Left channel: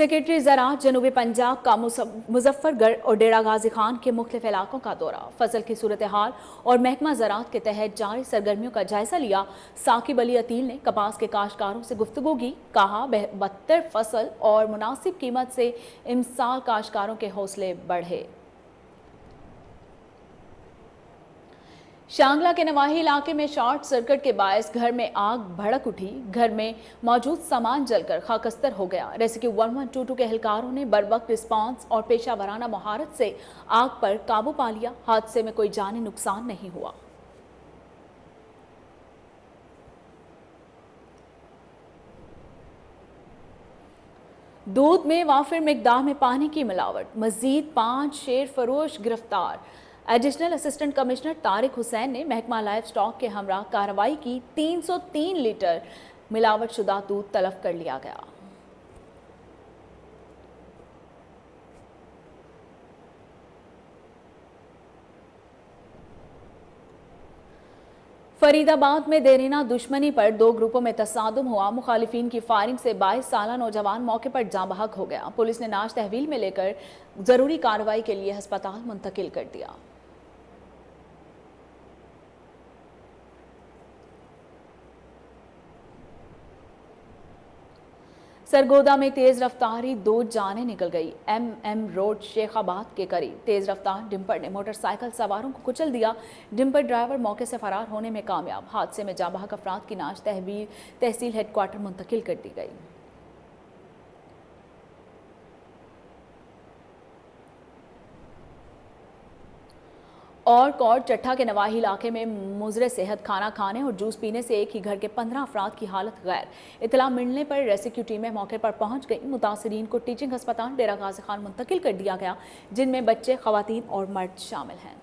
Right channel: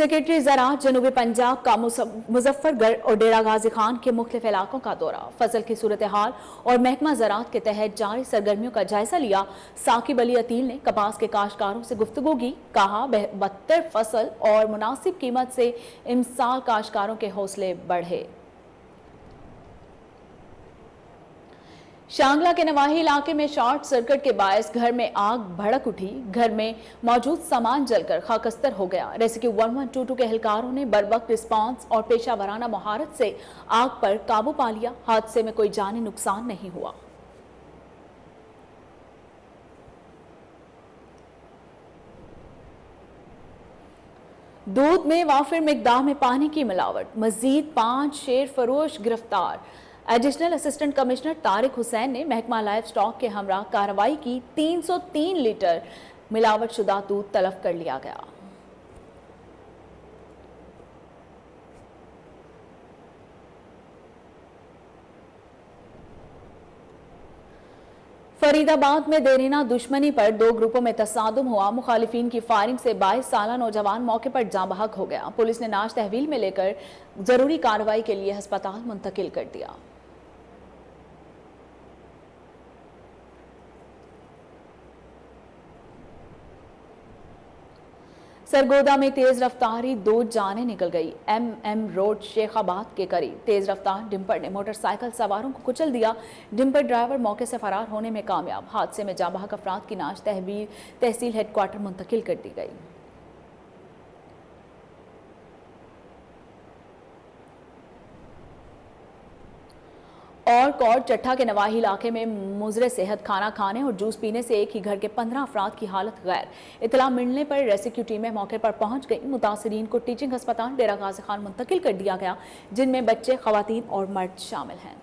Secretary ज़राअत जनूबी पंजाब का मुजफ्फरगढ़ और डेरा गाजी खान के मुख्तलिफ इलाकों का दौरा, फसल की सूरत हाल और महकमा ज़राअत के तहत जारी सरगर्मियों का जायजा लिया। साकिब अली अतील ने कपास के काश्तकारों से गुफ्तगू की, कहा बदतर फसल और मुनासिब कीमत से इमसाल काश्तकारों के हौसले बढ़े। शांगला के नवाही इलाके में शॉर्ट सर्किट के बायस घर में आग भड़क उठी। घर में मौजूद सामान जलकर खाकस्तर हो गया। रेस्क्यू 1122 के एहलकारों ने बरवक्त रिस्पांस और पेशा वराना महारत से आग पर काबू पा लिया। हादसे में कोई जानी नुकसान नहीं हुआ। दूध में वाफिर मिकदार में पानी की मिलावट, मजीद 5 शेर फरोश गिरफ्तार। Additional assistant commissioner Tariq Hussain ने महकमा लाइव स्टॉक के हमरा कार्रवाई की। 303 लीटर मिलावट शुदा दूध तलब कर लिया गया। फरीदाबाद में देरीना दुश्मनी पर 2 ग्रुपों में तसादुम हुआ। मुखालिफिन की फायरिंग से 22 साला नौजवान मौके पर जाँ बहक हो गया। पुलिस ने नाश तहवील में लेकर जरूरी कार्रवाई के लिए अस्पताल मुंतकिल कर दिया। सरगोदा में तेज रफ्तारी 2 जानें निकल गई। MM रोड शेखाबाद के करीब तेज रफ्तार डिंपर ने मोटरसाइकिल सवारों को कुचल दिया। डिंपर ड्राइवर मौके से फरार होने में कामयाब। हादसे में जाँ बहक अफराद की नाश तहसील हेडक्वार्टर मुंतकिल कर दी गई। और कोट चट्ठा के नवाही इलाके में मुजरे सेहत खाना खाने और जूस पीने से एक ही घर के 15 अफराद की हालत गैर। इतला मिलने पर रेस्क्यू टीमें मौके पर पहुंच गई। मुतासरीन को टीचिंग अस्पताल डेरा गाजी खान मुंतकिल कर दिया गया, जिनमें बच्चे, खवातीन और मर्द शामिल हैं।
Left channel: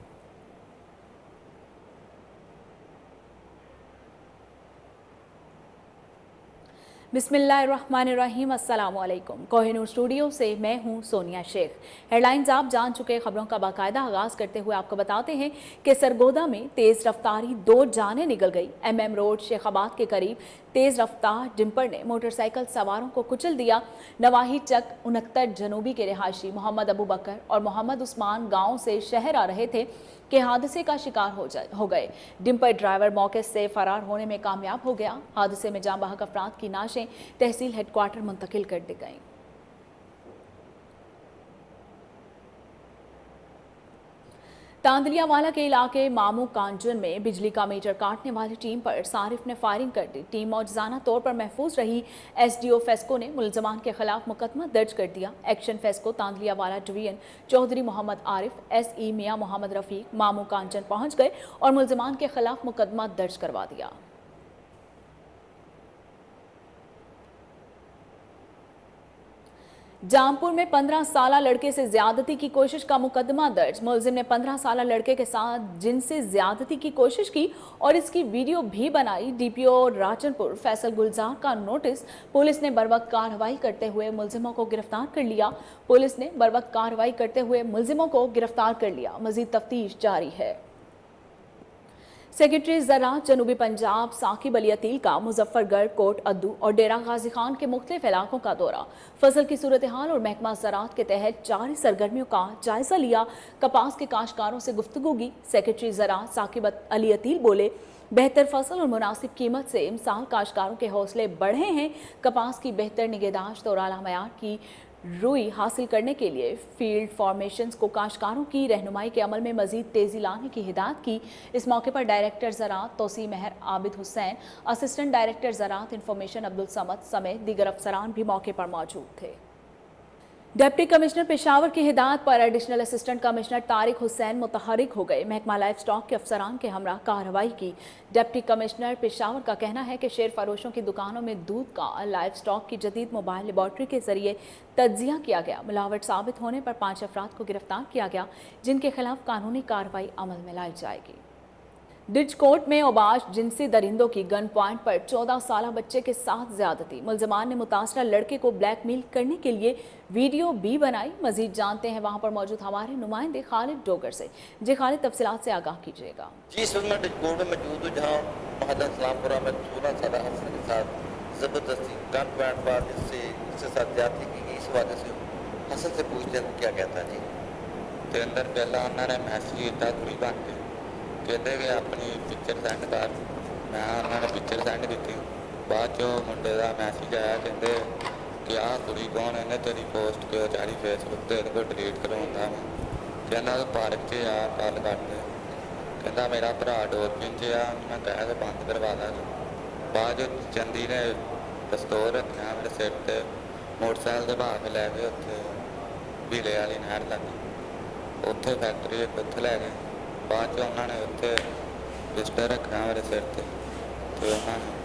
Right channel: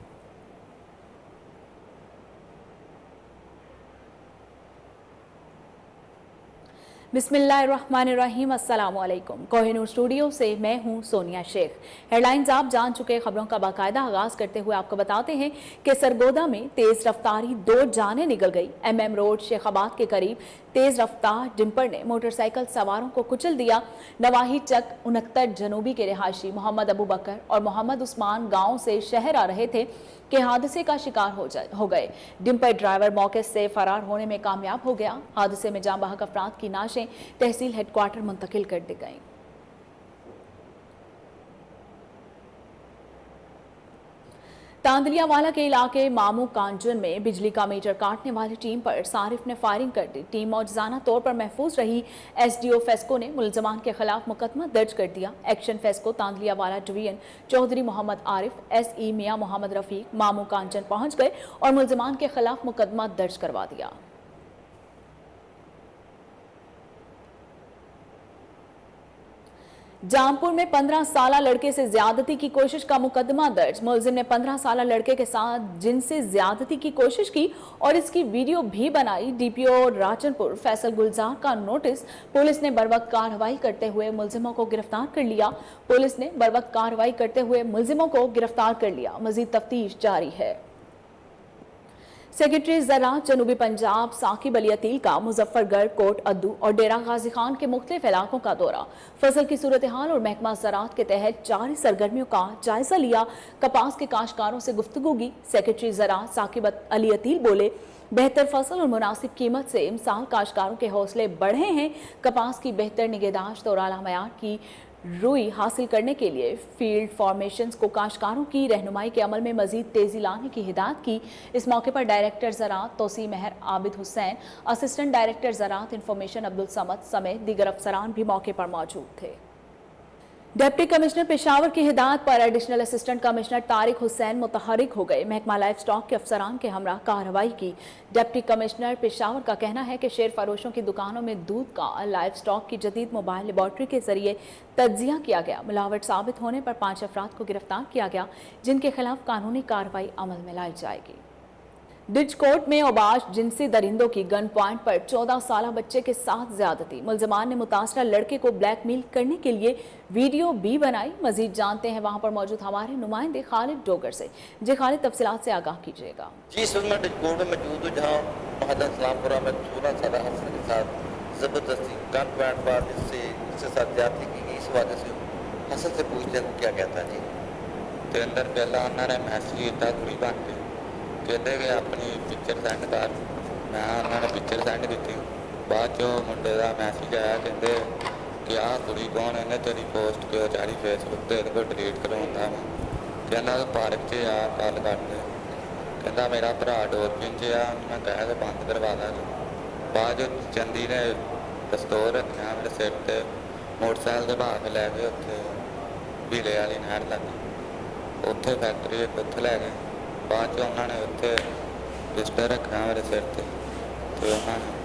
बिस्मिल्लाहिर्रहमानिर्रहीम, अस्सलामुअलैकुम। कोहिनूर स्टूडियो से मैं हूं सोनिया शेख। हेडलाइंस आप जान चुके। खबरों का बाकायदा आगाज करते हुए आपको बताते हैं कि सरगोदा में तेज रफ्तारी 2 जानें निकल गई। MM रोड शेखाबाद के करीब तेज रफ्तार डिंपर ने मोटरसाइकिल सवारों को कुचल दिया। नवाही चक 69 जनूबी के रिहायशी मोहम्मद अबू बकर और मोहम्मद उस्मान गांव से शहर आ रहे थे के हादसे का शिकार हो गए। डिंपर ड्राइवर मौके से फरार होने में कामयाब हो गया। हादसे में जाँ बहक अफराद की नाशें तहसील हेडक्वार्टर मुंतकिल कर दी गई। तांदलियावाला के इलाके मामू कांजन में बिजली का मीटर काटने वाली टीम पर सारिफ ने फायरिंग कर दी। टीम मौजूदा तौर पर महफूज रही। SDO फेस्को ने मुलजमान के खिलाफ मुकदमा दर्ज कर दिया। Action FESCO Tandlianwala division Chaudhry Muhammad Arif, SE Mian Muhammad Rafiq Mamu Kanjan पहुंच गए और मुलजमान के खिलाफ मुकदमा दर्ज करवा दिया। जामपुर में 15 साला लड़के से ज्यादती की कोशिश का मुकदमा दर्ज। मुलजिम ने 15 साला लड़के के साथ जिनसे ज्यादती की कोशिश की और इसकी वीडियो भी बनाई। DPO राजनपुर फैसल गुलजार का नोटिस। पुलिस ने बरवक्त कार्रवाई करते हुए मुलजिमों को गिरफ्तार कर लिया। पुलिस ने बरवक्त कार्रवाई करते हुए मुलजिमों को गिरफ्तार कर लिया। मजीद तफ्तीश जारी है। सेक्रेटरी ज़राअत जनूबी पंजाब साकिब अली अतील का मुजफ्फरगढ़, कोट अद्दू और डेरा गाजी खान के मुख्तलिफ इलाकों का दौरा, फसल की सूरत हाल और महकमा ज़राअत के तहत जारी सरगर्मियों का जायजा लिया। कपास के काश्तकारों से गुफ्तगू की। सेक्रेटरी ज़राअत साकिब अली अतील बोले, बेहतर फसल और मुनासिब कीमत से इमसाल काश्तकारों के हौसले बढ़े हैं। कपास की बेहतर निगहदाश्त और आला मयार की रुई हासिल करने के लिए फील्ड फॉर्मेशंस को काश्तकारों की रहनुमाई के अमल में मजीद तेजी लाने की हिदायत की। इस मौके पर डायरेक्टर ज़राअत तोसी महर आबिद हुसैन, असिस्टेंट डायरेक्टर ज़राअत इंफॉर्मेशन अब्दुल समद समेत दीगर अफसरान भी मौके पर मौजूद थे। डिप्टी कमिश्नर पेशावर की हिदायत पर additional assistant commissioner Tariq Hussain मुतहरिक हो गए। महकमा लाइव स्टॉक के अफसरान के हमरा कार्रवाई की। डिप्टी कमिश्नर पेशावर का कहना है कि शेर फरोशों की दुकानों में दूध का लाइव स्टॉक की जदीद मोबाइल लेबॉर्ट्री के जरिए तज्जिया किया गया। मिलावट साबित होने पर 5 अफराद को गिरफ्तार किया गया, जिनके खिलाफ कानूनी कार्रवाई अमल में लाई जाएगी। डिचकोट में ओबाश जिनसी दरिंदों की गन पॉइंट पर 14 साला बच्चे के साथ ज्यादती। मुलजमान ने मुतासरा लड़के को ब्लैकमेल करने के लिए वीडियो भी बनाई। मजीद जानते हैं वहां पर मौजूद हमारे नुमाइंदे खालिद डोगर से। जी खालिद, तफसीलात से आगाह कीजिएगा। जी, इस वक्त मैं डिचकोट में मौजूद हूँ, जहाँ महदा सलामपुरा में 16 साला अफसर के साथ जबरदस्ती गन पॉइंट पर इससे साथ ज्यादती की गई। इस हवाले से हसन से पूछते हैं क्या कहता है जी। ਤੇ ਅੰਦਰ ਪਹਿਲਾਂ ਉਹਨਾਂ ਨੇ ਮੈਸੇਜ ਕੀਤਾ ਕੁੜੀ ਬਣ ਕੇ ਕਹਿੰਦੇ ਕਿ ਆਪਣੀ ਪਿਕਚਰ ਸੈਂਡ ਕਰ ਮੈਂ ਉਹਨਾਂ ਨੇ ਪਿਕਚਰ ਸੈਂਡ ਕੀਤੀ ਬਾਅਦ ਚੋਂ ਮੁੰਡੇ ਦਾ ਮੈਸੇਜ ਆਇਆ ਕਹਿੰਦੇ ਕਿ ਆਹ ਕੁੜੀ ਕੌਣ ਇਹਨੇ ਤੇਰੀ ਪੋਸਟ ਕਿਉਂ ਚਾੜੀ ਫੇਸਬੁੱਕ ਤੇ ਇਹਦੇ ਕੋਲ ਡਿਲੀਟ ਕਰਵਾਉਂਦਾ ਮੈਂ ਕਹਿੰਦਾ ਤੂੰ ਪਾਰਕ 'ਚ ਆ ਗੱਲ ਕਰਦੇ ਕਹਿੰਦਾ ਮੇਰਾ ਭਰਾ ਡੋਰਪਿਨ 'ਚ ਆ ਮੈਂ ਕਹਿਆ ਤਾਂ ਬੰਦ ਕਰਵਾ ਦਾਂ ਬਾਅਦ ਚੋਂ ਚੰਦੀ ਨੇ ਪਿਸਤੌਲ ਰੱਖਿਆ ਮੇਰੇ ਸਿਰ ਤੇ ਮੋਟਰਸਾਈਕਲ ਦੇ ਭਾਅ ਕੇ ਲੈ ਗਏ ਉੱਥੇ ਢੀਲੇ ਵਾਲੀ ਨਹਿਰ ਲੱਗੀ ਉੱਥੇ ਫੈਕਟਰੀ ਇੱਕ ਉੱਥੇ ਲੈ ਗਏ ਬਾਅਦ 'ਚ ਉਹਨਾਂ ਨੇ ਉੱਥੇ ਪਿਸਟਲ ਰੱਖਿਆ ਮੇਰੇ ਸਿਰ ਤੇ ਤੇ ਉਹਨਾਂ ਨੇ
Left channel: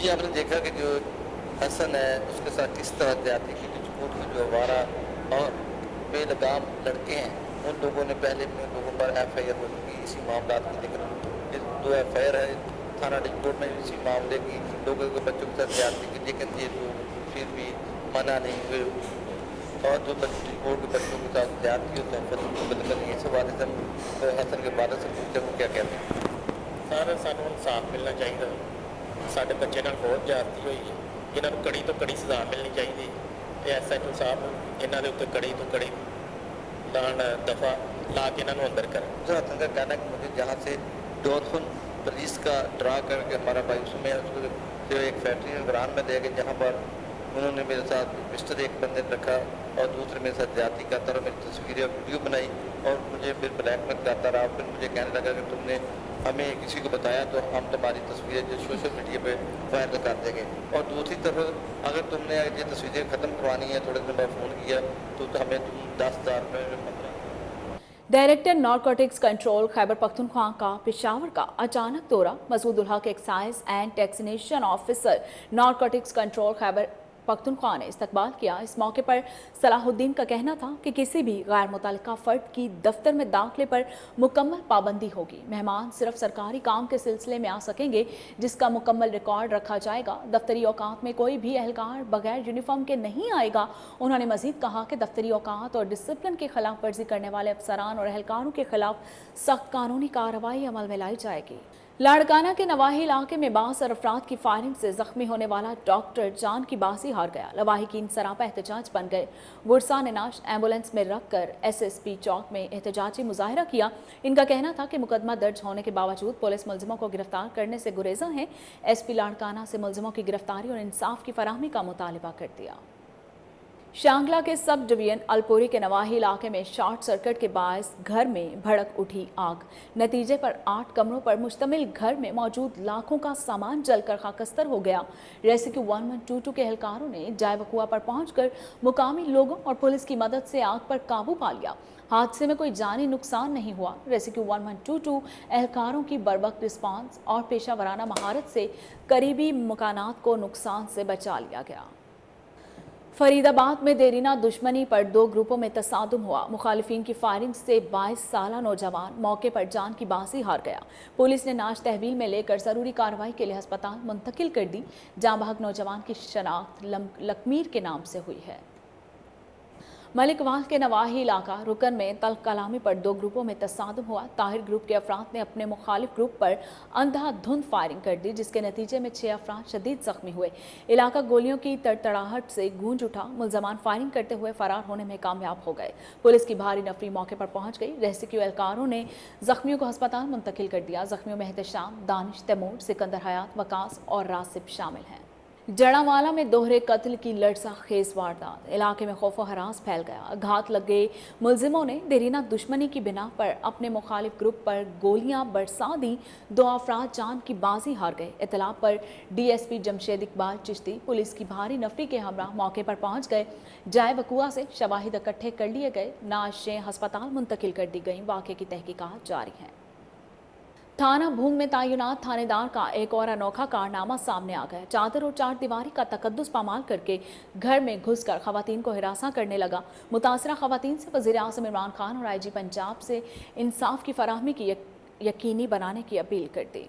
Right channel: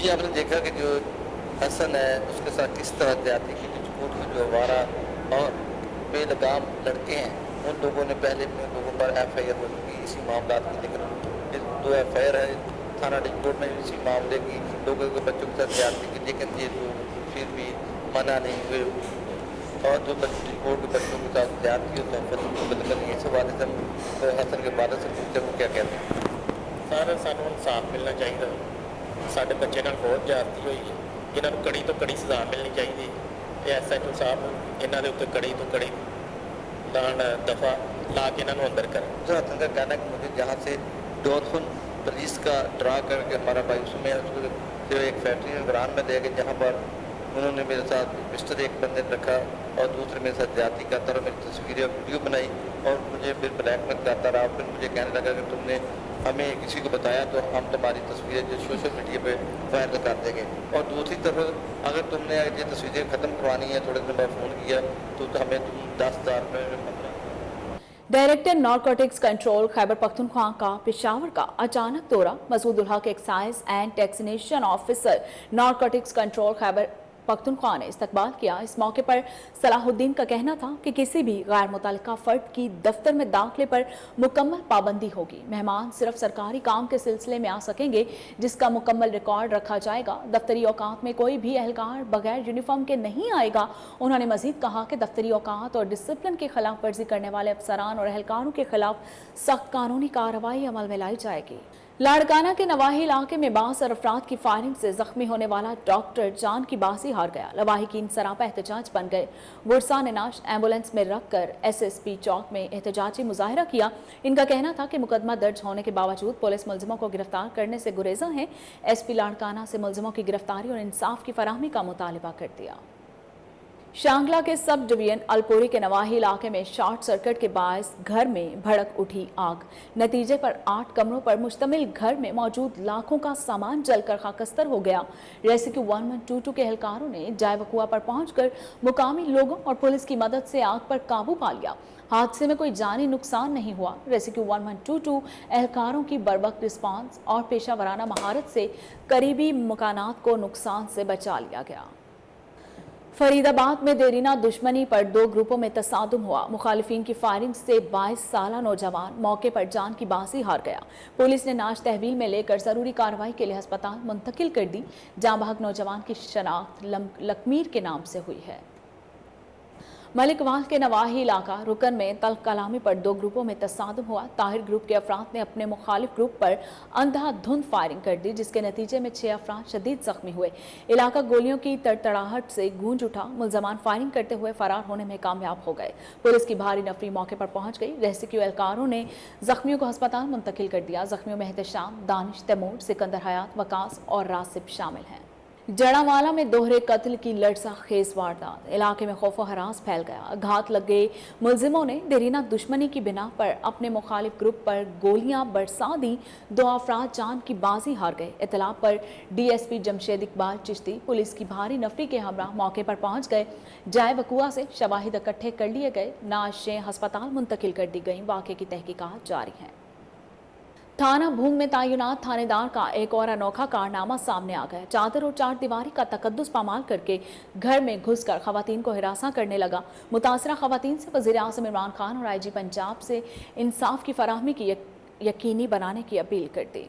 जी आपने देखा कि जो हसन है उसके साथ किस तरह जाती की कुछ जो आवारा और बेलगाम लड़के हैं उन लोगों ने पहले भी उन लोगों पर FIR हो चुकी इसी मामला की, लेकिन जो FIR है थाना रिपोर्ट में इसी मामले की लोगों के बच्चों के साथ जाती की, लेकिन ये लोग फिर भी मना नहीं हुए और जो रिपोर्ट के बच्चों के साथ जाती है तो बदल इस हवाले से तो हसन के बाद से पूछते वो क्या कहते हैं। ਸਰ ਸਾਨੂੰ ਇਨਸਾਫ ਮਿਲਣਾ ਚਾਹੀਦਾ ਸਾਡੇ ਬੱਚੇ ਨਾਲ ਬਹੁਤ ਜ਼ਿਆਦਤੀ ਹੋਈ ਹੈ ਇਹਨਾਂ ਨੂੰ ਕੜੀ ਤੋਂ ਕੜੀ ਸਜ਼ਾ ਮਿਲਣੀ ਚਾਹੀਦੀ ਤੇ SHO ਸਾਹਿਬ ਇਹਨਾਂ ਦੇ ਉੱਤੇ ਕੜੀ ਤੋਂ ਕੜੀ ਲਾਣ ਦਫਾ ਲਾ ਕੇ ਇਹਨਾਂ ਨੂੰ ਅੰਦਰ ਕਰਨ। हसन का कहना है कि मुझे जहाँ से डॉल्फिन पुलिस का ड्रा करके हमारा भाई उसमें उसको जो एक फैक्ट्री में ग्राम में ले गए जहाँ पर उन्होंने मेरे साथ मिस्टर एक बंदे ने रखा और दूसरे मेरे साथ जाति करता रहा, मेरी तस्वीरें और वीडियो बनाई और मुझे फिर ब्लैकमेल करता रहा। फिर मुझे कहने लगा कि तुमने हमें किसी को बताया तो हम तुम्हारी तस्वीरें जो सोशल मीडिया पे वायरल कर देंगे और दूसरी तरफ अगर तुमने ये तस्वीरें ख़त्म करवानी है थोड़े दिन बाद फ़ोन किया तो हमें तुम 10,000 रुपये में 15। Director narcotics control Khyber Pakhtunkhwa का पेशावर का अचानक दौरा। Masood ul Haq excise and taxation officer narcotics control Khyber Pakhtunkhwa ने इस्तकबाल किया। इस मौके पर सलाहुद्दीन का कहना था कि किसी भी गैर मुतल्लिका फर्द की दफ्तर में दाखिले पर मुकम्मल पाबंदी होगी। मेहमान सिर्फ सरकारी काम के सिलसिले में आ सकेंगे जिसका मुकम्मल रिकॉर्ड रखा जाएगा। दफ्तरी औकात में कोई भी एहलकार बगैर यूनिफॉर्म के नहीं आएगा। उन्होंने मजीद कहा कि दफ्तरी औकात और डिसिप्लिन की खिलाफ वर्जी करने वाले अफसरान और एहलकारों के खिलाफ सख्त कानूनी कार्रवाई अमल में लाई जाएगी। लाड़काना के नवाही इलाके में बासर अफराद की फायरिंग से जख्मी होने वाला डॉक्टर जान की बाजी हार गया। लवाहिकीन सरापा एहतजाज बन गए। गुरसा ने नाश एम्बुलेंस में रखकर SSP चौक में एहतजाजी मुजाहरा किया। इनका कहना था कि मुकदमा दर्ज होने के बावजूद पुलिस मुलजिमों को गिरफ्तार करने से गुरेजा है। SP लाड़काना से मुलजिमों की गिरफ्तारी और इंसाफ की फराहमी का मुतालबा कर दिया। शांगला के सब डिवीजन अलपुरी के नवाही इलाके में शॉर्ट सर्किट के बायस घर में भड़क उठी आग। नतीजे पर 8 कमरों पर मुश्तमिल घर में मौजूद लाखों का सामान जलकर खाकस्तर हो गया। रेस्क्यू 1122 के एहलकारों ने जायवकुआ पर पहुंचकर मुकामी लोगों और पुलिस की मदद से आग पर काबू पा लिया। हादसे में कोई जानी नुकसान नहीं हुआ। रेस्क्यू 1122 एहलकारों की बर्वक्त रिस्पांस और पेशा वराना महारत से करीबी मकानात को नुकसान से बचा लिया गया। फरीदाबाद में देरीना दुश्मनी पर 2 ग्रुपों में तसादुम हुआ। मुखालिफिन की फायरिंग से 22 साला नौजवान मौके पर जान की बाजी हार गया। पुलिस ने नाश तहवील में लेकर जरूरी कार्रवाई के लिए अस्पताल मुंतकिल कर दी। जाँ बहक नौजवान की शनाख्त लकमीर के नाम से हुई है। मलिकवाल के नवाही इलाका रुकन में तल्ख कलामी पर 2 ग्रुपों में तसादुम हुआ। ताहिर ग्रुप के अफराद ने अपने मुखालिफ ग्रुप पर अंधाधुंध फायरिंग कर दी जिसके नतीजे में 6 अफराद शदीद जख्मी हुए। इलाका गोलियों की तड़तड़ाहट से गूंज उठा। मुलजमान फायरिंग करते हुए फरार होने में कामयाब हो गए। पुलिस की भारी नफरी मौके पर पहुंच गई। रेस्क्यू एहलकारों ने जख्मियों को अस्पताल मुंतकिल कर दिया। जख्मियों में एहतशाम, दानिश, तैमूर, सिकंदर हयात, वकास और रासिब शामिल हैं। जड़ावाला में दोहरे कत्ल की लड़सा खेज वारदात। इलाके में खौफो हरास फैल गया। घात लगे मुलजिमों ने देरीना दुश्मनी की बिना पर अपने मुखालिफ ग्रुप पर गोलियां बरसा दी। 2 अफराद जान की बाजी हार गए। इतला पर DSP जमशेद इकबाल चिश्ती पुलिस की भारी नफरी के हमरा मौके पर पहुंच गए। जाए वकुआ से शवाहिद इकट्ठे कर लिए गए। नाशें अस्पताल मुंतकिल कर दी गई। वाक़े की तहकीकात जारी है। थाना भूंग में तैनात थानेदार का एक और अनोखा कारनामा सामने आ गया। चादर और 4 दीवारी का तकद्दुस पामाल करके घर में घुसकर खवातीन को हिरासा करने लगा। मुतासरा खवातीन से वज़ीर आज़म इमरान खान और IG पंजाब से इंसाफ की फराहमी की यकीनी बनाने की अपील कर दी।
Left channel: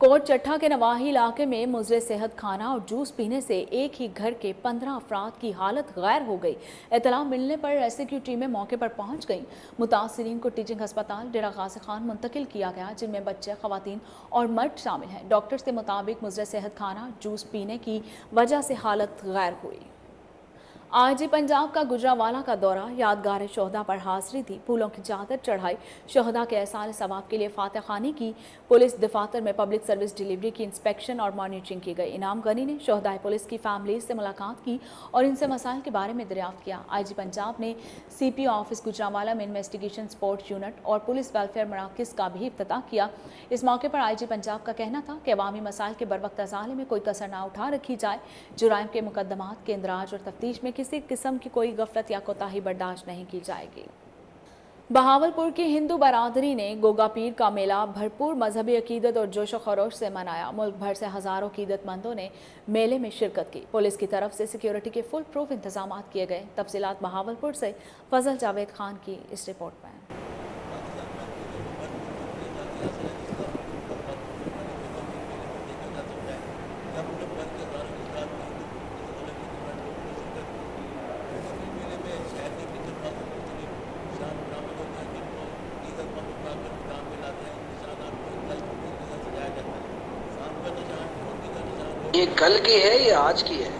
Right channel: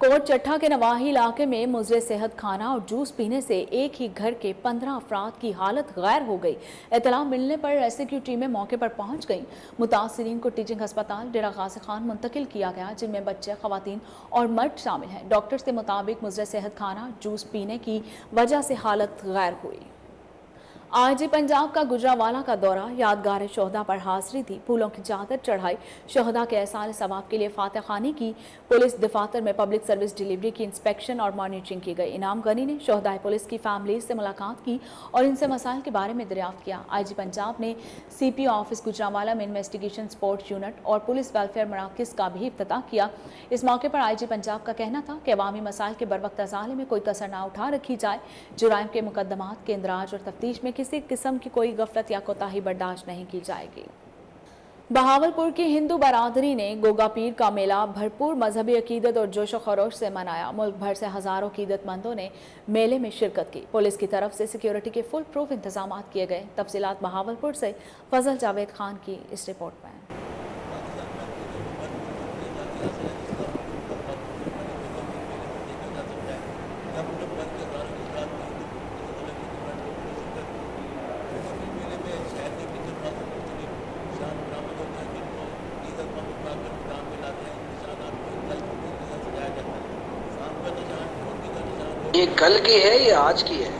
कोट चट्टा के नवाही इलाके में मुजरे सेहत खाना और जूस पीने से एक ही घर के 15 अफराद की हालत गैर हो गई। इतला मिलने पर रेस्क्यू टीमें मौके पर पहुंच गईं। मुतासरीन को टीचिंग अस्पताल डेरा गाजी खान मुंतकिल किया गया जिनमें बच्चे, खवातीन और मर्द शामिल हैं। डॉक्टर्स के मुताबिक मुजरे सेहत खाना जूस पीने की वजह से हालत गैर हुई। आज पंजाब का गुजरांवाला का दौरा, यादगार शोहदा पर हाजिरी दी, फूलों की चादर चढ़ाई, शोहदा के एहसार सवाब के लिए फातह खानी की, पुलिस दफातर में पब्लिक सर्विस डिलीवरी की इंस्पेक्शन और मॉनिटरिंग की गई। इनाम गनी ने शोहदा पुलिस की फैमिली से मुलाकात की और इनसे मसाइल के बारे में दरियाफ्त किया। IG पंजाब ने CPO ऑफिस गुजरांवाला में इन्वेस्टिगेशन सपोर्ट यूनिट और पुलिस वेलफेयर मराकज़ का भी इफ्तिताह किया। इस मौके पर IG पंजाब का कहना था कि अवामी मसाइल के बरवक्त अज़ाले में कोई कसर न उठा रखी जाए, जुराइम के मुकदमात के इंदराज और तफ्तीश में किसी किस्म की कोई गफलत या कोताही बर्दाश्त नहीं की जाएगी। बहावलपुर की हिंदू बरादरी ने गोगा पीर का मेला भरपूर मजहबी अकीदत और जोश व खरोश से मनाया। मुल्क भर से हजारों अकीदतमंदों ने मेले में शिरकत की। पुलिस की तरफ से सिक्योरिटी के फुल प्रूफ इंतजाम किए गए। तफसीलात बहावलपुर से फजल जावेद खान की इस रिपोर्ट में। ये कल की है या आज की है?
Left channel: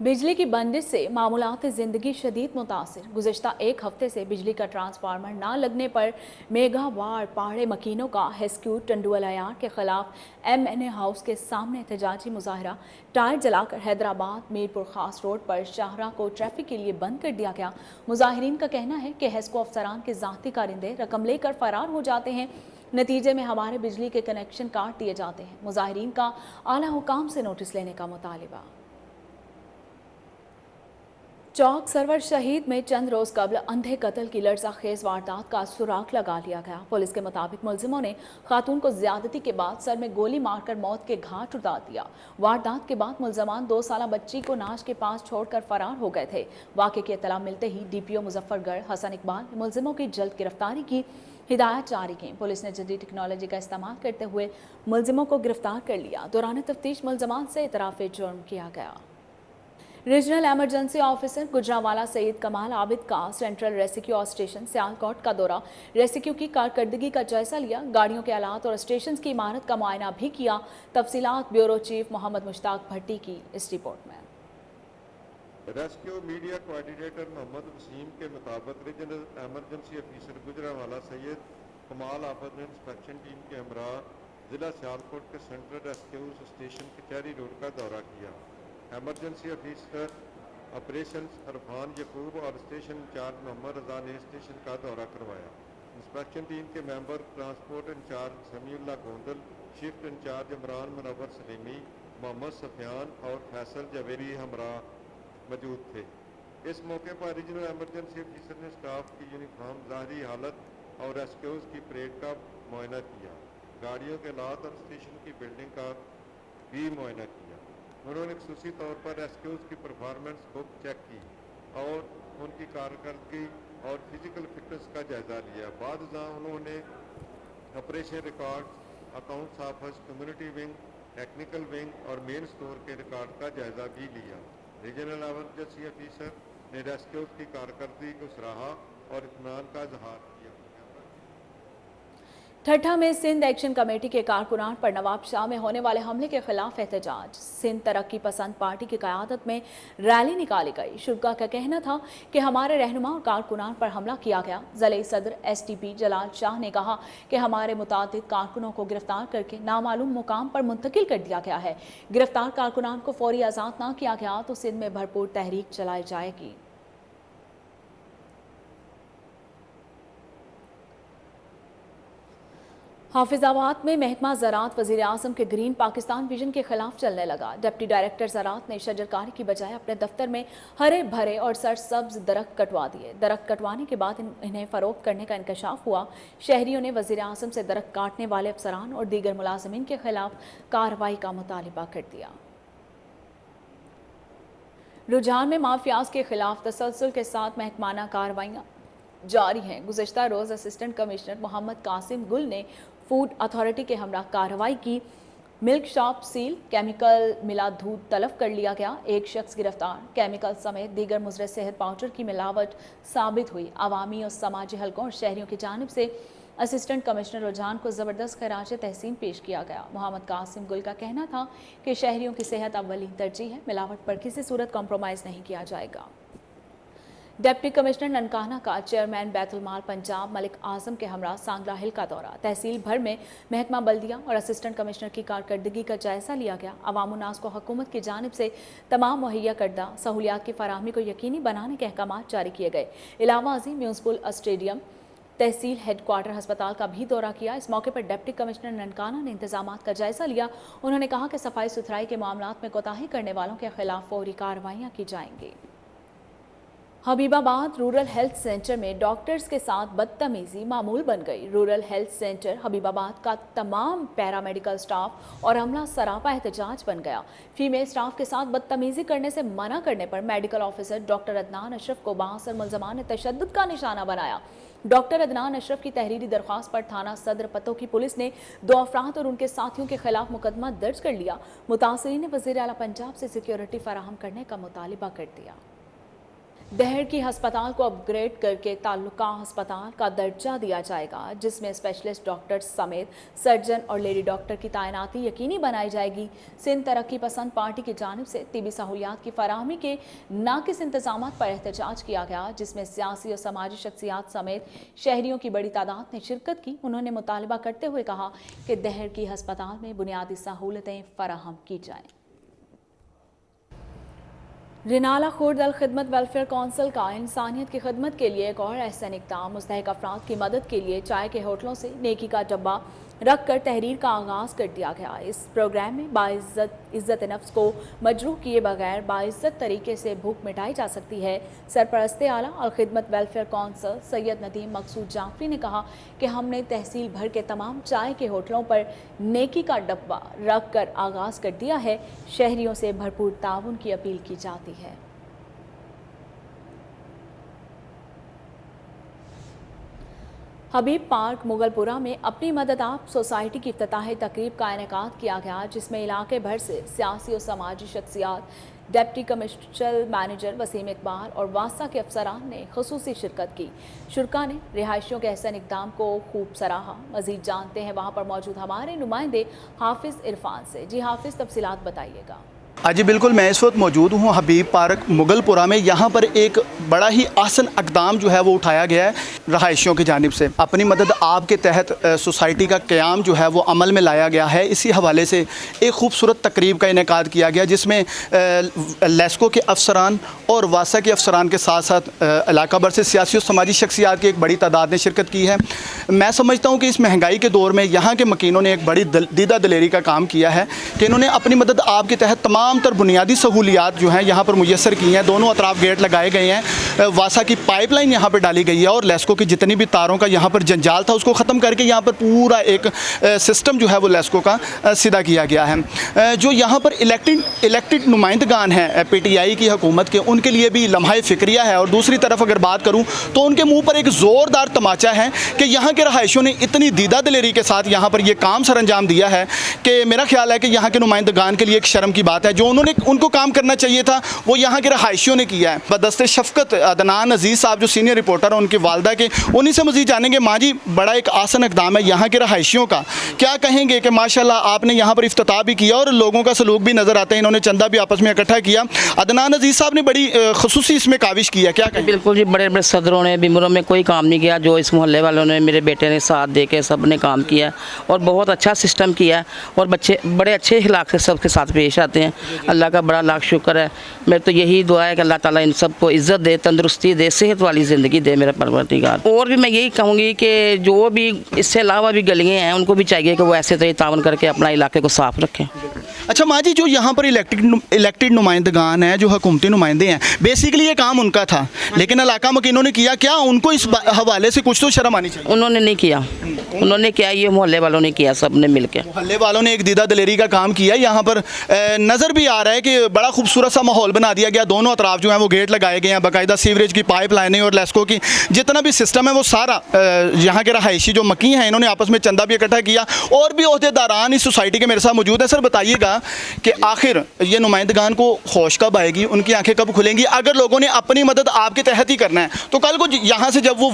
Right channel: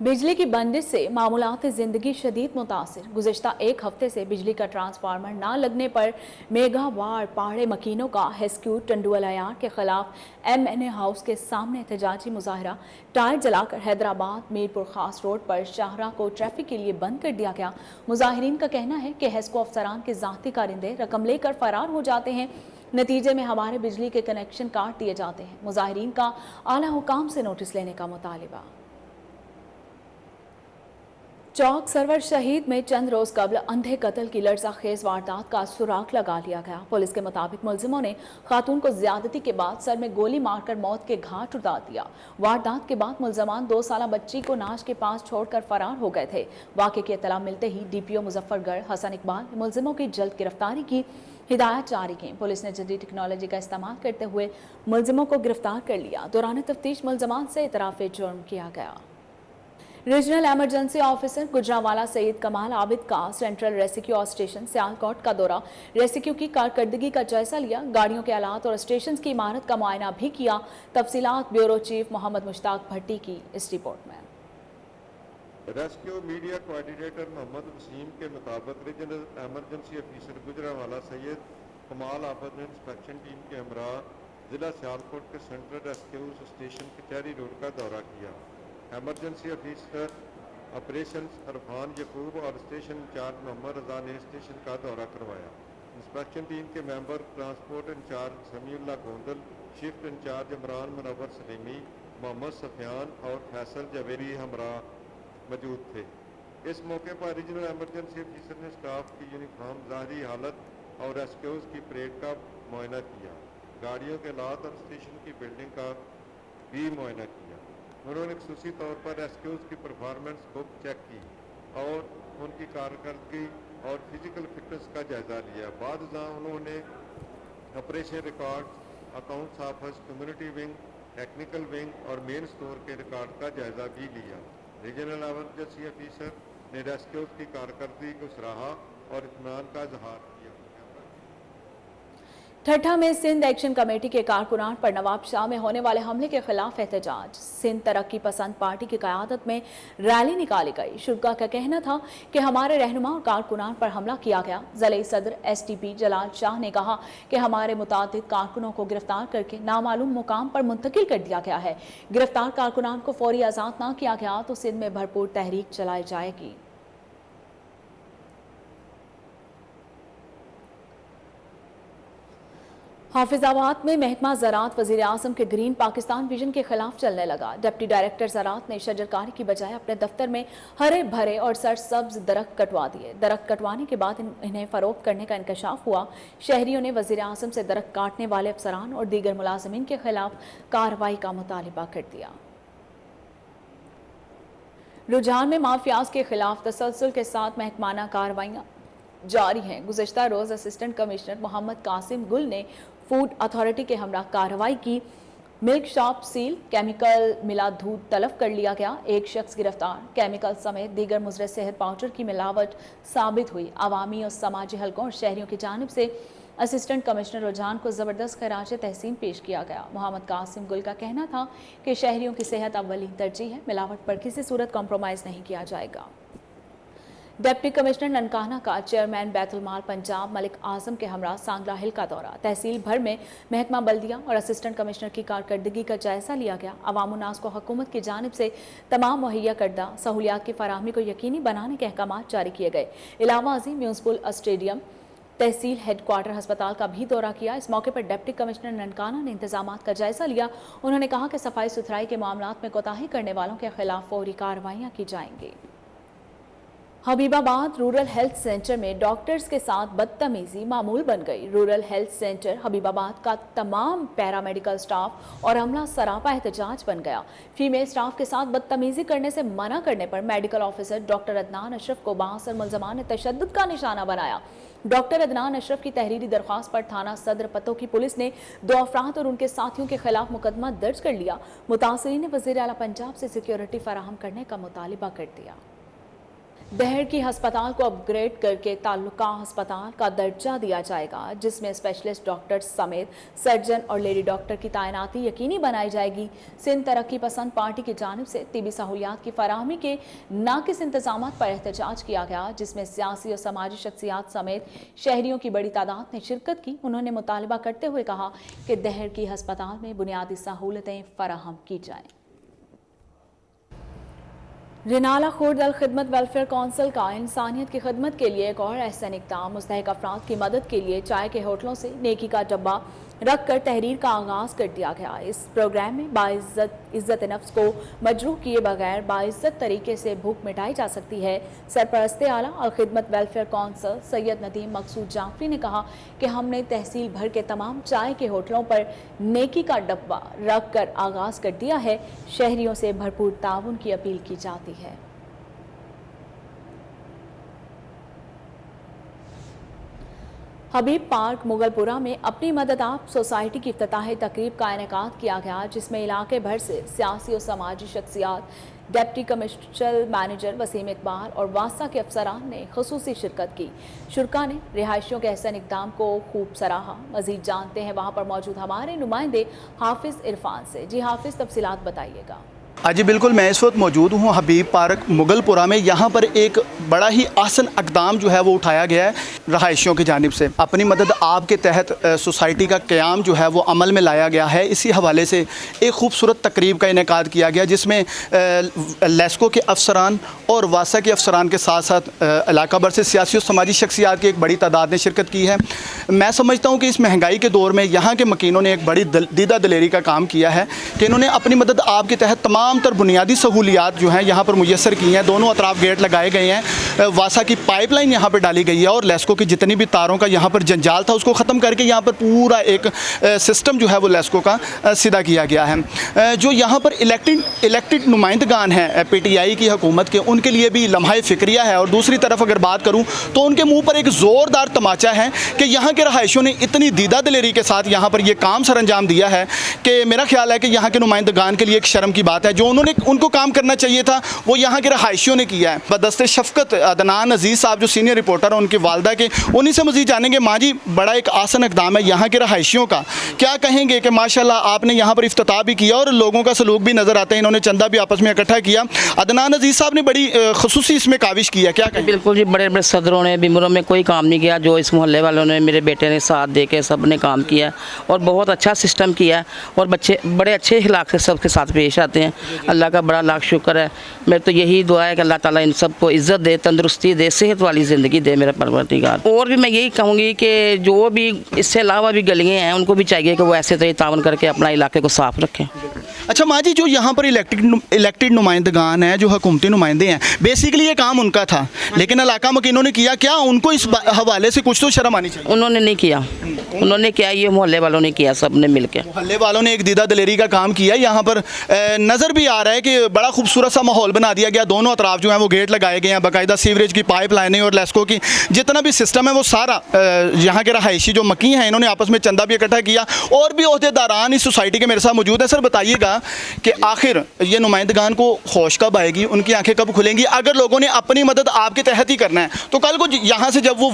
बिजली की बंदिश से मामूलात ज़िंदगी शदीद मुतासिर। गुज़िश्ता एक हफ्ते से बिजली का ट्रांसफार्मर ना लगने पर मेगावार पहाड़े मकीनों का हेस्क्यू टंडुअल अयार के खिलाफ MNA हाउस के सामने एहतजाजी मुजाहरा। टायर जलाकर हैदराबाद मीरपुर खास रोड पर शाहराह को ट्रैफिक के लिए बंद कर दिया गया। मुजाहिरीन का कहना है कि हेस्को अफसरान के ज़ाती कारिंदे रकम लेकर फरार हो जाते हैं, नतीजे में हमारे बिजली के कनेक्शन काट दिए जाते हैं। मुजाहिरीन का आला हुकाम से नोटिस लेने का मुतालिबा। चौक सरवर शहीद में चंद रोज कबल अंधे कत्ल की लर्ज़ाखेज वारदात का सुराग लगा लिया गया। पुलिस के मुताबिक मुलजिमों ने खातून को ज्यादती के बाद सर में गोली मारकर मौत के घाट उतार दिया। वारदात के बाद मुलजमान 2 साला बच्ची को नाश के पास छोड़कर फरार हो गए थे। वाक़े की इत्तला मिलते ही DPO मुजफ्फरगढ़ हसन इकबाल ने मुलजिमों की जल्द गिरफ्तारी की हिदायत जारी की। पुलिस ने जदीद टेक्नोलॉजी का इस्तेमाल करते हुए मुलजिमों को गिरफ्तार कर लिया। दौरान तफ्तीश मुलजमान से इतराफ़े जुर्म किया गया। Regional emergency officer Gujranwala Saeed Kamal Abid का सेंट्रल रेस्क्यू स्टेशन सियालकोट का दौरा, रेस्क्यू की कारकर्दगी का जायजा लिया, गाड़ियों के आलात और स्टेशन की इमारत का मुआयना भी किया। तफसीलात ब्यूरो चीफ मोहम्मद मुश्ताक भट्टी की इस रिपोर्ट में। Rescue media coordinator Mohammad Waseem के मुताबिक regional emergency officer Gujranwala Syed Kamal Abid ने इंस्पेक्शन टीम के हमरा जिला सियालकोट के सेंट्रल रेस्क्यू स्टेशन कचहरी रोड का दौरा किया। एमरजेंसी ऑफिसर ऑपरेशंस अरफान यकूब और स्टेशन इंचार्ज मोहम्मद रजा ने स्टेशन का दौरा करवाया। इंस्पेक्शन टीम के member transport incharge Samiullah Gondal, shift incharge Imran Munawar Salimi, Mohammad Sufiyan और फैसल जवेरी हमरा मौजूद थे। इस मौके पर रीजनल एमरजेंसी ऑफिसर ने स्टाफ की यूनिफॉर्म, ज़ाहरी हालत और रेस्क्यूज की परेड का मुआयना किया। गाड़ियों के लात और स्टेशन की बिल्डिंग का भी मुआयना किया। उन्होंने खुसूसी तौर पर रेस्क्यूज की परफॉर्मेंस बुक चेक की और उनकी कारकर्दगी और फिजिकल फिटनेस का जायजा लिया। बाद उन्होंने operation record, accounts office, community wing, technical wing और मेन स्टोर के रिकॉर्ड का जायजा भी लिया। रीजनल एमरजेंसी ऑफिसर ने रेस्क्यू की कारकर्दगी को सराहा और इत्मीनान का इजहार किया। ठट्ठा में सिंध एक्शन कमेटी के कारकुनान पर नवाब शाह में होने वाले हमले के खिलाफ एहतजाज। सिंध तरक्की पसंद पार्टी की क़यादत में रैली निकाली गई। शुरा का कहना था कि हमारे रहनुमा और कारकुनान पर हमला किया गया। ज़िले सदर SDP जलाल शाह ने कहा कि हमारे मुतादिद कारकुनों को गिरफ्तार करके नामालूम मुकाम पर मुंतकिल कर दिया गया है। गिरफ्तार कारकुनान को फौरी आज़ाद न किया गया तो सिंध में भरपूर तहरीक चलाई जाएगी। हाफिजाबाद में महकमा ज़राअत वज़ीर आज़म के ग्रीन पाकिस्तान विजन के खिलाफ चलने लगा। डिप्टी डायरेक्टर ज़राअत ने शजरकारी की बजाय अपने दफ्तर में हरे भरे और सरसब्ज दरख्त कटवा दिए। दरख्त कटवाने के बाद इन्हें फरोख्त करने का इंकशाफ हुआ। शहरियों ने वज़ीर आज़म से दरख्त काटने वाले अफसरान और दीगर मुलाजिमीन के खिलाफ कार्रवाई का मुतालिबा कर दिया। रुझान में माफियाज के खिलाफ तसलसल के साथ महकमाना कार्रवाइयाँ जारी हैं। गुज़िश्ता रोज़ असिस्टेंट कमिश्नर मोहम्मद कासिम गुल ने फूड अथॉरिटी के हमरा कार्रवाई की। मिल्क शॉप सील, केमिकल मिला दूध तलब कर लिया गया। एक शख्स गिरफ्तार। केमिकल समेत दीगर मुज़र सेहत पाउडर की मिलावट साबित हुई। अवामी और समाजी हलकों और शहरियों की जानिब से असिस्टेंट कमिश्नर रुझान को ज़बरदस्त खराज तहसीन पेश किया गया। मोहम्मद कासिम गुल का कहना था कि शहरियों की सेहत अव्वलीन तरजीह है। मिलावट पर किसी सूरत कॉम्प्रोमाइज़ नहीं किया जाएगा। डिप्टी कमिश्नर ननकाना का चेयरमैन बैतुल माल पंजाब मलिक आजम के हमरा सांगला हिल का दौरा। तहसील भर में महकमा बल्दिया और असिस्टेंट कमिश्नर की कारकर्दगी का जायजा लिया गया। अवाम उन्नास को हुकूमत की जानिब से तमाम मुहैया करदा सहूलियात की फराहमी को यकीनी बनाने के अहकाम जारी किए गए। इलावा अजीम म्यूनसिपल स्टेडियम, तहसील हेडक्वार्टर अस्पताल का भी दौरा किया। इस मौके पर डिप्टी कमिश्नर ननकाना ने इंतजामात का जायजा लिया। उन्होंने कहा कि सफाई सुथराई के मामलात में कोताही करने वालों के खिलाफ फौरी कार्रवाइयाँ की जाएंगी। हबीबाबाद रूरल हेल्थ सेंटर में डॉक्टर्स के साथ बदतमीजी मामूल बन गई। रूरल हेल्थ सेंटर हबीबाबाद का तमाम पैरामेडिकल स्टाफ और अमला सरापा एहतजाज बन गया। फीमेल स्टाफ के साथ बदतमीजी करने से मना करने पर medical officer doctor Adnan Ashraf को बांसर मुलजमान ने तशद्दुद का निशाना बनाया। डॉक्टर अदनान अशरफ की तहरीरी दरख्वास्त पर थाना सदर पतो की पुलिस ने 2 अफराद और उनके साथियों के खिलाफ मुकदमा दर्ज कर लिया। मुतासरीन ने वज़ीर आला पंजाब से सिक्योरिटी फराहम करने का मुतालिबा कर दिया। दहर की हस्पताल को अपग्रेड करके ताल्लुका हस्पताल का दर्जा दिया जाएगा, जिसमें स्पेशलिस्ट डॉक्टर समेत सर्जन और लेडी डॉक्टर की तैनाती यकीनी बनाई जाएगी। सिंध तरक्की पसंद पार्टी की जानिब से तिबी सहूलियात की फराहमी के नाकिस इंतजामात पर एहतजाज किया गया, जिसमें सियासी और समाजी शख्सियात समेत शहरियों की बड़ी तादाद ने शिरकत की। उन्होंने मुतालबा करते हुए कहा कि दहर की हस्पताल में बुनियादी सहूलतें फराहम की जाएं। रिनाला खुर्द अल खिदमत वेलफेयर काउंसिल का इंसानियत की खिदमत के लिए एक और एहसन इक़दाम। मुस्तहिक अफराद की मदद के लिए चाय के होटलों से नेकी का डब्बा रख कर तहरीर का आगाज़ कर दिया गया। इस प्रोग्राम में इज़्ज़त नफ्स को मजरूह किए बगैर बाइज़्ज़त तरीके से भूख मिटाई जा सकती है। सरपरस्ते आला और खिदमत वेलफेयर काउंसिल सैयद नदीम मकसूद जाफरी ने कहा कि हमने तहसील भर के तमाम चाय के होटलों पर नेकी का डब्बा रख कर आगाज़ कर दिया है। शहरियों से भरपूर ताउन की अपील की जाती है। हबीब पार्क मुगलपुरा में अपनी मदद आप सोसाइटी की इफ्तिताही तकरीब का इनेकाद किया गया, जिसमें इलाके भर से सियासी और समाजी शख्सियात, deputy commercial manager Waseem Iqbal और वासा के अफसरान ने खुसूसी शिरकत की। शुरा ने रिहायशियों के एहसन इक़दाम को खूब सराहा। मजीद जानते हैं वहाँ पर मौजूद हमारे नुमाइंदे हाफिज़ इरफान से। जी हाफिज़, तफसीलात बताइएगा। जी बिल्कुल, मैं इस वक्त मौजूद हूँ हबीब पार्क मुगलपुरा में। यहाँ पर एक बड़ा ही आसन इक़दाम जो है वो उठाया गया है रहायशियों की जानिब से। अपनी मदद आप के तहत सोसाइटी का क़याम जो है वो अमल में लाया गया है। इसी हवाले से एक खूबसूरत तकरीब का इनेकाद किया गया, जिसमें लेस्को के अफसरान और वासा के अफसरान के साथ साथ इलाका भर से सियासी और समाजी शख्सियात की एक बड़ी तादाद ने शिरकत की है। मैं समझता हूँ कि इस महंगाई के दौर में यहाँ के मकीनों ने एक बड़ी दीदा दिलेरी का काम किया है कि इन्होंने अपनी मदद आप के तहत तमाम तर बुनियादी सहूलियात जो हैं यहाँ पर मुयस्सर की हैं। दोनों अतराफ गेट लगाए गए हैं। वासा की पाइपलाइन यहाँ पर डाली गई है और लेस्को की जितनी भी तारों का यहाँ पर जंजाल था उसको ख़त्म करके यहाँ पर पूरा एक सिस्टम जो है वो लेस्को का सीधा किया गया है। जो यहाँ पर इलेक्टेड नुमाइंदगान हैं PTI की हुकूमत के, उनके लिए भी लम्हा फ़िक्रिया है। और दूसरी तरफ अगर बात करूँ तो उनके मुँह पर एक ज़ोरदार तमाचा है कि यहाँ के रहायशियों ने इतनी दीदा दिलेरी के साथ यहाँ पर यह काम सर अंजाम दिया है कि मेरा ख्याल है कि यहाँ के नुमाइंदगान के लिए एक शर्म की बात है। जो उनको काम करना चाहिए था वो यहाँ के रहायशियों ने किया है। बदस्ते शफ़क़त मदद अदनान अजीज़ साहब जो सीनियर रिपोर्टर हैं उनकी वालदा के, उन्हीं से मज़ीद जानेंगे। माँ जी, बड़ा एक आसन इक़दाम है यहाँ के रहायशियों का, क्या कहेंगे कि माशाल्लाह आपने यहाँ पर इफ्तिताह भी किया और लोगों का सलूक भी नज़र आता है, इन्होंने चंदा भी आपस में इकट्ठा किया। अदनान अजीज़ साहब ने बड़ी ख़ुसूसी इसमें काविश की है, क्या कहें? बिल्कुल जी, बड़े बड़े सदरों ने बिमरों में कोई काम नहीं किया, जो इस मोहल्ले वालों ने, मेरे बेटे ने साथ दे के सब ने काम किया और बहुत अच्छा सिस्टम किया और बच्चे बड़े अच्छे अखलाक से सबके साथ पेश आते हैं। अल्लाह का बड़ा लाख शुक्र है। मेरे तो यही दुआ है कि अल्लाह ताला इन सबको इज़्ज़त दे, तंदुरुस्ती दे, सेहत वाली ज़िंदगी दे मेरा परवरदिगार। और भी मैं यही कहूँगी कि जो भी इससे अलावा भी गलियाँ हैं उनको भी चाहिए कि वो ऐसे तरह तावन करके अपना इलाके को साफ़ रखें। अच्छा माँ जी, जो यहाँ पर इलेक्टेड नुमाइंदगान हैं, जो हुकूमती नुमाइंदे हैं, बेसिकली ये काम उनका था, लेकिन इलाका मकीनों ने किया, क्या उनको इस हवाले से कुछ तो शर्म आनी चाहिए? उन्होंने नहीं किया, उन्होंने किया, ये मोहल्ले वालों ने किया, सब ने मिल के। मोहल्ले वालों ने एक दीदा दिलेरी का काम किया। यहाँ पर नज़र भी आ रहा है कि बड़ा खूबसूरत सा माहौल बना दिया गया, दोनों अतराफ जो हैं वो गेट लगाए गए हैं, बाकायदा सीवरेज की पाइप लाइनें और लेस्को की जितना भी सिस्टम है वो सारा यहाँ के रहायशी जो मकी हैं इन्होंने आपस में चंदा भी इकट्ठा किया और भी ओहदेदारान इस सोसाइटी के मेरे साथ मौजूद है। सर बताइएगा कि आखिर ये नुमाइंदगान को होश कब आएगी, उनकी आंखें कब खुलेंगी? अगर लोगों ने अपनी मदद आपके तहत ही करना है तो कल को यहाँ से जब वो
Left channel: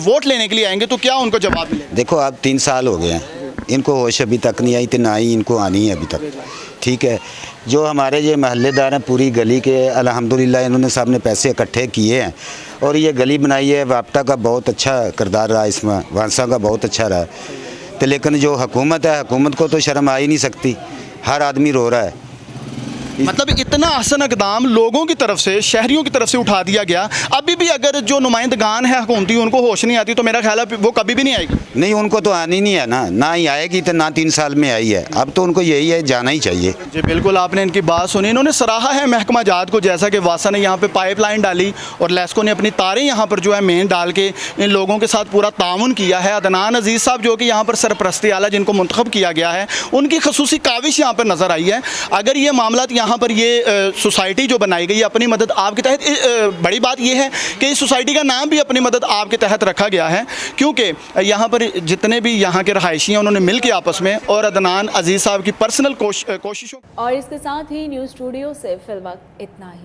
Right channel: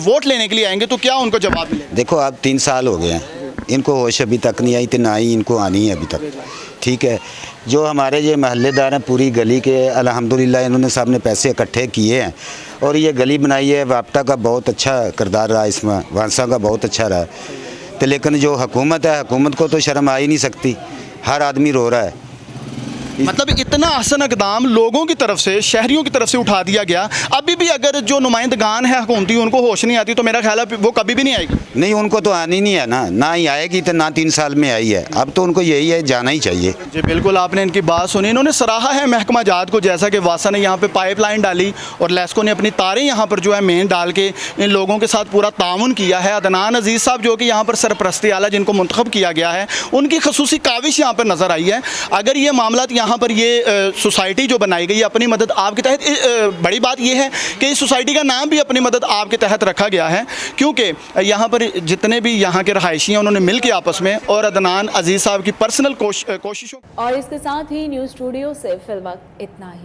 वोट लेने के लिए आएंगे तो क्या उनको जवाब मिलेगा? देखो अब 3 साल हो गए हैं, इनको होश अभी तक नहीं आई, तो ना ही इनको आनी है अभी तक। ठीक है, जो हमारे ये महल्लेदार हैं पूरी गली के, अल्हम्दुलिल्लाह इन्होंने सब ने पैसे इकट्ठे किए हैं और ये गली बनाई है। वापटा का बहुत अच्छा किरदार रहा इसमें, वांसा का बहुत अच्छा रहा, तो लेकिन जो हुकूमत है, हुकूमत को तो शर्म आ ही नहीं सकती, हर आदमी रो रहा है। मतलब इतना हसन इक़दाम लोगों की तरफ से, शहरियों की तरफ से उठा दिया गया, अभी भी अगर जो नुमाइंदगान है हुकूमती उनको होश नहीं आती तो मेरा ख्याल है वो कभी भी नहीं आएगी। नहीं, उनको तो आनी नहीं है ना ही आएगी, तो ना 3 साल में आई है, अब तो उनको यही है, जाना ही चाहिए। जी बिल्कुल, आपने इनकी बात सुनी। इन्होंने सराहा है महकमा जात को, जैसा कि वासा ने यहाँ पे पाइपलाइन डाली और लेस्को ने अपनी तारें यहाँ पर जो है मेन डाल के इन लोगों के साथ पूरा ताउन किया है। अदनान अजीज़ साहब जो कि यहाँ पर सरपरस्ती आला जिनको मुंतखब किया गया है, उनकी खसूसी काविश यहाँ पर नज़र आई है। अगर ये मामला यहाँ पर ये सोसाइटी जो बनाई गई है अपनी मदद आपके तहत, बड़ी बात यह है कि इस सोसाइटी का नाम भी अपनी मदद आपके तहत रखा गया है, क्योंकि यहाँ पर जितने भी यहाँ के रहायशी हैं उन्होंने मिल के आपस में और अदनान अजीज़ साहब की पर्सनल कोशिशों। और इसके साथ ही न्यूज़ स्टूडियो से फिलहाल इतना ही।